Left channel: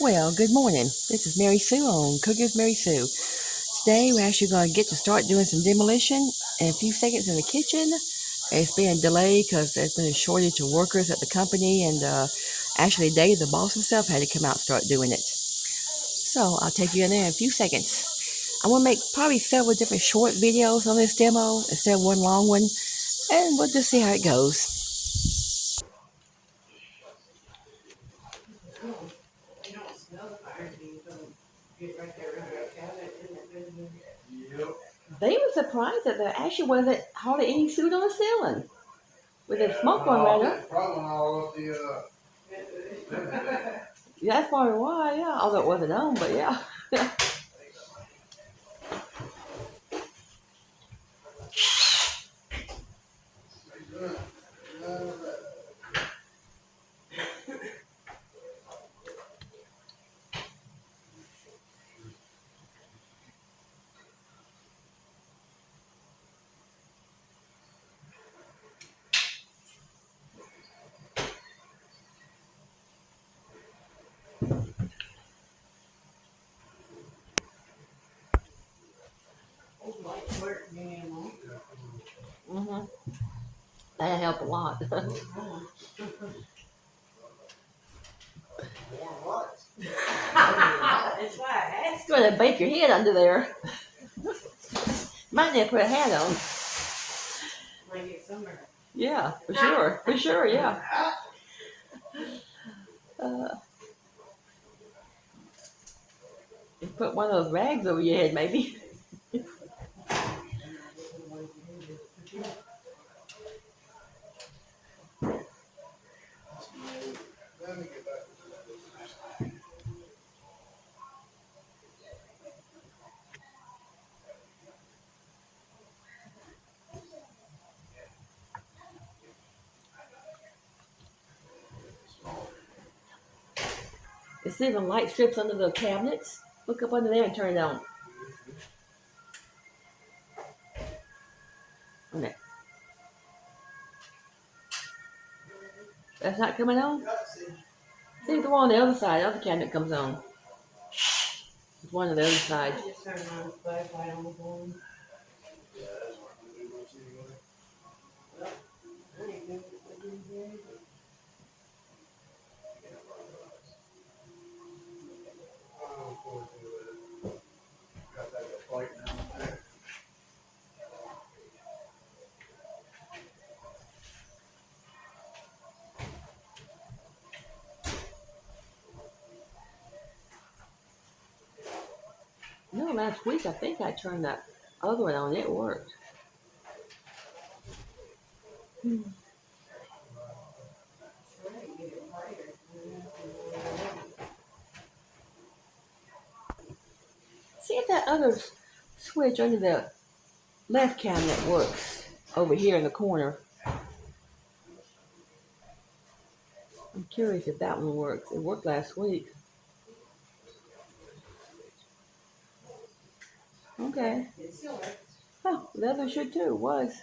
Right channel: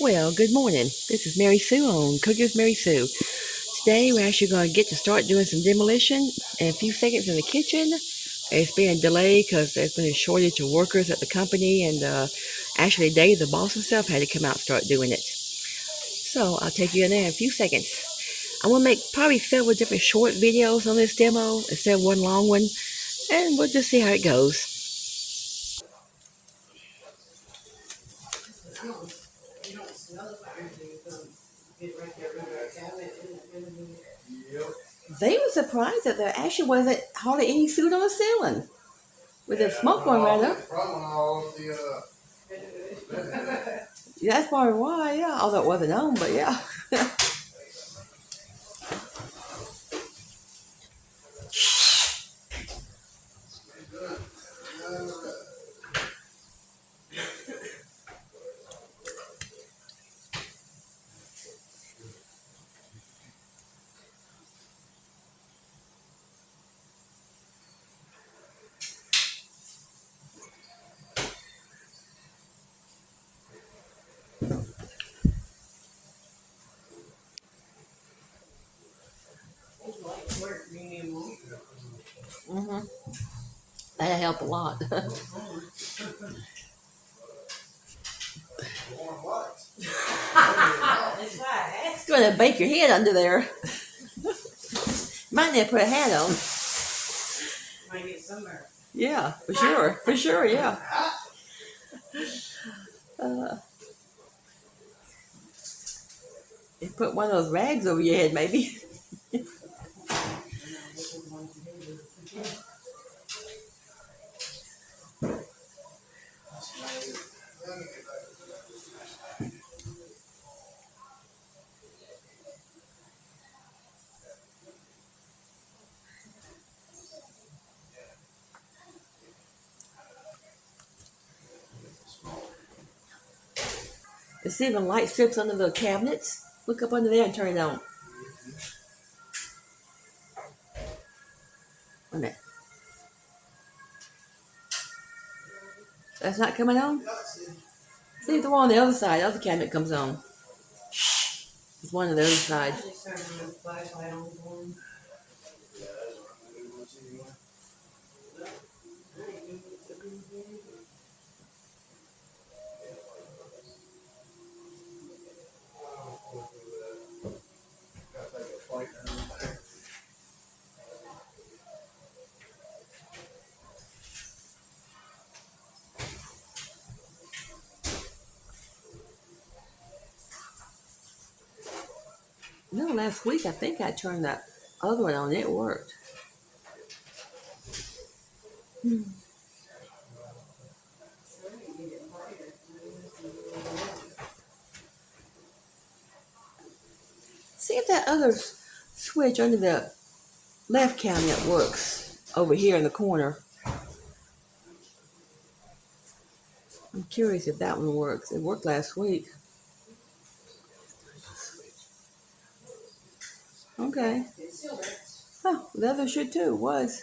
Well, good morning. This is Mary Sue on Cooking with Mary Sue. Today we're actually going to get to start doing some demolition in a few seconds in the kitchen. It's been delayed because there's been a shortage of workers at the company, and actually Dave, the boss himself, had to come out and start doing it. So I'll take you in there in a few seconds. I'm going to make probably several different short videos on this demo instead of one long one, and we'll just see how it goes. They were surprised that there actually wasn't hardly any food on the ceiling with the smoke going right up. Yeah, that's probably why, yeah. Although it wasn't on, but yeah. Mm-hmm. That'll help a lot. It's going to bake your head under there. Might need to put a hat on. Might get sunburned. Yeah, for sure, yeah. You put one of those rags over your head, maybe. You see the light strips under the cabinets? Look up under there and turn it on. Okay. That's not coming on? See the one on the other side, the other cabinet comes on. There's one on the other side. No, last week I think I turned that other one on. It worked. See if that other switch under the left cabinet works over here in the corner. I'm curious if that one works. It worked last week. Okay. Oh, the other should too. Was.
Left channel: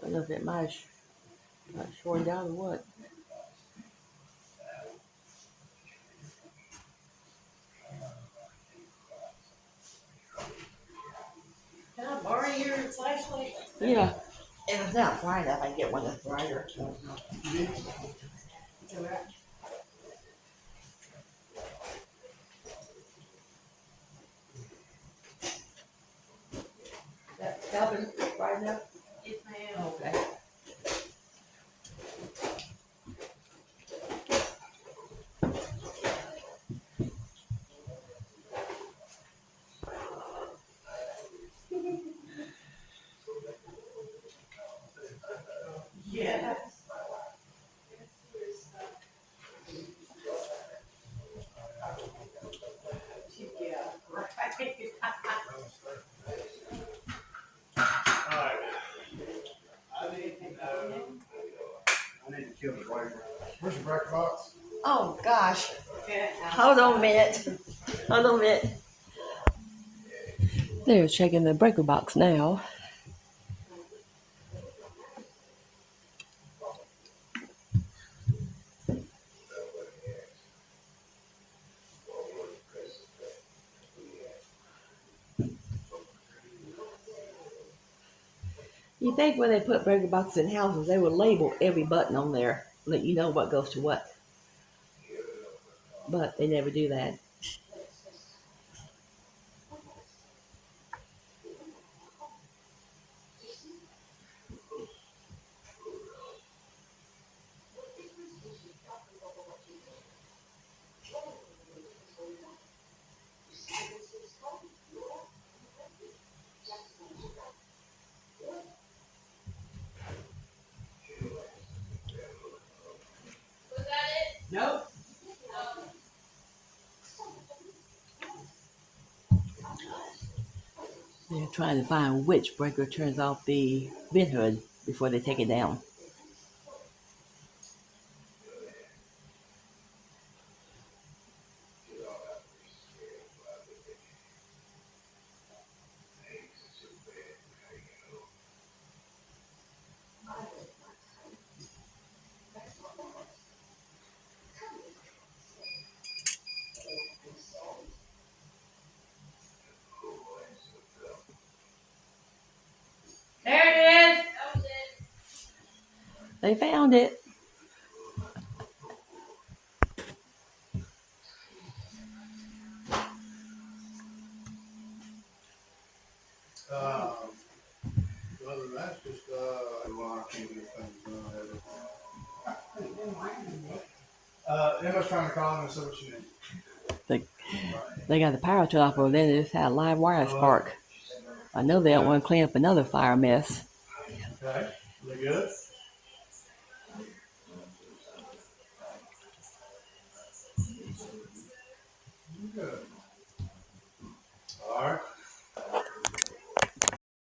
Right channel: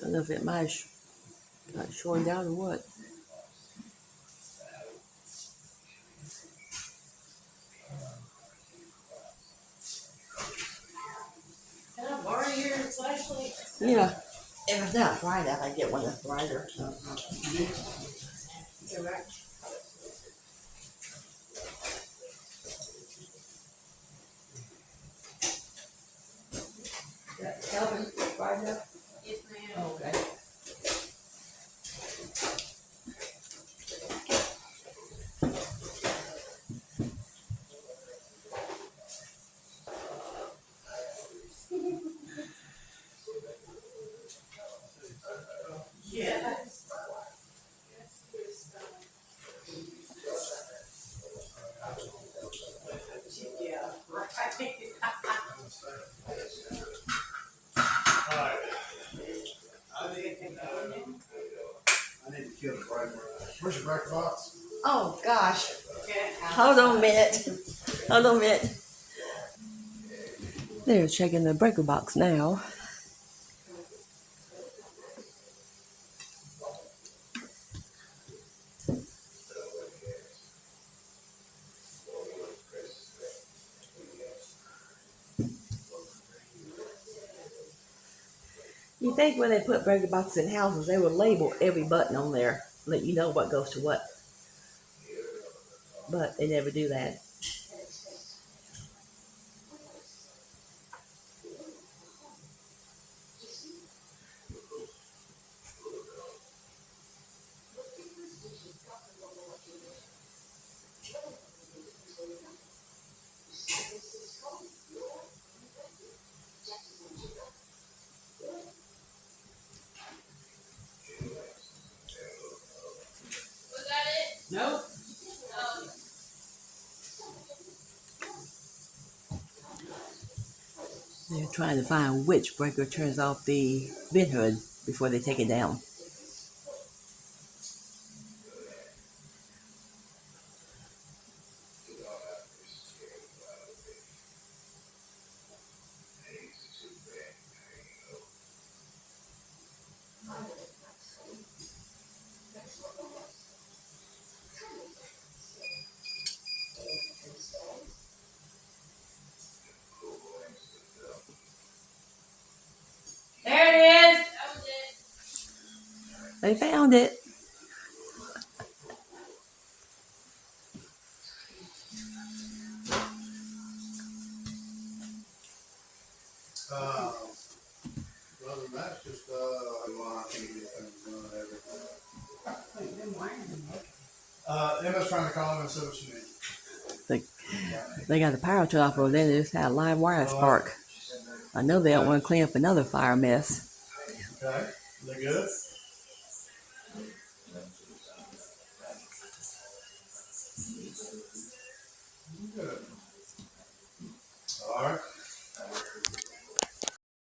Don't know if it might have got shorn down or what. Can I borrow your flashlight? Yeah. If it's not bright enough, I get one that's brighter. Go back. That Calvin bright enough? Yes, ma'am. Okay. Yes. Yeah, right. I need to kill the breaker. Where's your breaker box? Oh gosh. Yeah. Hold on a minute. Hold on a minute. They're checking the breaker box now. You think when they put breaker boxes in houses, they would label every button on there, let you know what goes to what. But they never do that. Nope. They're trying to find which breaker turns off the vent hood before they take it down. There it is. They found it. Other than that, it's just, well, I can't get things done, whatever. Emma's trying to call him and see what she needs. They got the power turned off over there. They just had a live wire spark. I know they don't want to clean up another fire mess. Okay, they good? Good. All right.